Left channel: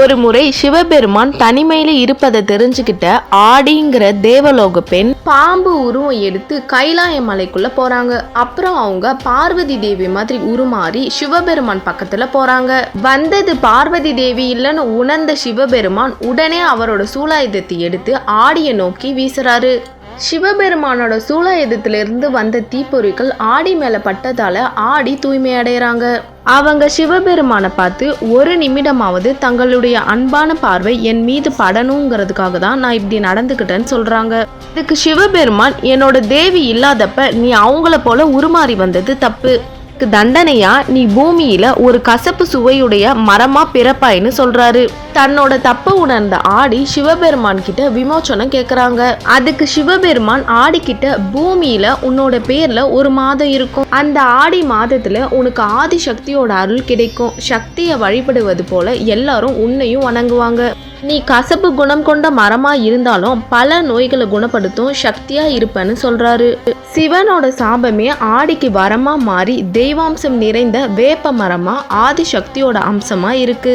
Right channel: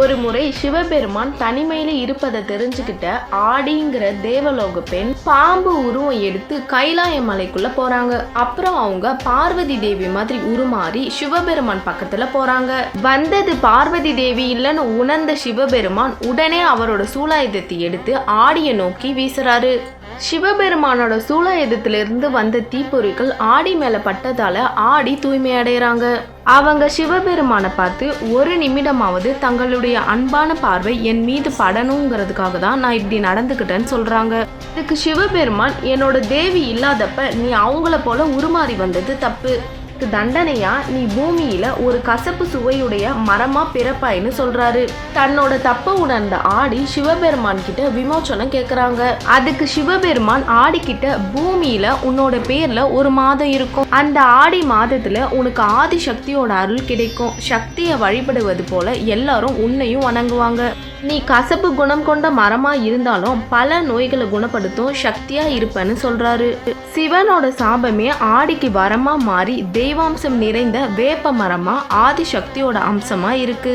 ஒரு முறை சிவபெருமான் தனிமையில இருப்பதை தெரிஞ்சுக்கிட்ட ஆடிங்கிற தேவலோக பெண் பாம்பு உருவம் எடுத்து கைலாய மலைக்குள்ள போறாங்க. அப்புறம் அவங்க பார்வதி தேவி மாதிரி உருமாறி சிவபெருமான் பக்கத்துல போறாங்க. வந்தது பார்வதி தேவி இல்லைன்னு உணர்ந்த சிவபெருமான் உடனே அவரோட சூலாயுதத்தை எடுத்து ஆடியை நோக்கி வீசுறாரு. சிவபெருமானோட சூலாயுதத்துல இருந்து வந்த தீப்பொறிகள் ஆடி மேல பட்டதால ஆடி தூய்மை அடைகிறாங்க. அவங்க சிவபெருமானை பார்த்து ஒரு நிமிடமாவது தங்களுடைய அன்பான பார்வை என் மீது படணுங்கிறதுக்காக தான் நான் இப்படி நடந்துக்கிட்டேன்னு சொல்றாங்க. இதுக்கு சிவபெருமான், என்னோட தேவி இல்லாதப்ப நீ அவங்கள போல உருமாறி வந்தது தப்பு. தண்டனையா நீ பூமியில ஒரு கசப்பு சுவையுடைய மரமா பிறப்பாயின்னு சொல்றாரு. தன்னோட தப்ப உணர்ந்த ஆடி சிவபெருமான் கிட்ட விமோச்சனம் கேக்குறாங்க. அதுக்கு சிவபெருமான் ஆடி கிட்ட, பூமியில உன்னோட பேர்ல ஒரு மாதம் இருக்கும். அந்த ஆடி மாதத்துல உனக்கு ஆதி சக்தியோட அருள் கிடைக்கும். சக்தியை வழிபடுவது போல எல்லாரும் உன்னையும் வணங்குவாங்க. நீ கசப்பு குணம் கொண்ட மரமா இருந்தாலும் பல நோய்களை குணப்படுத்தும் சக்தியா இருப்பேன்னு சொல்றாரு. சிவனோட சாபமே ஆடிக்கு வரமா மாறி தெய்வாம்சம் நிறைந்த வேப்ப மரமா ஆதி சக்தியோட அம்சமா இருக்கு.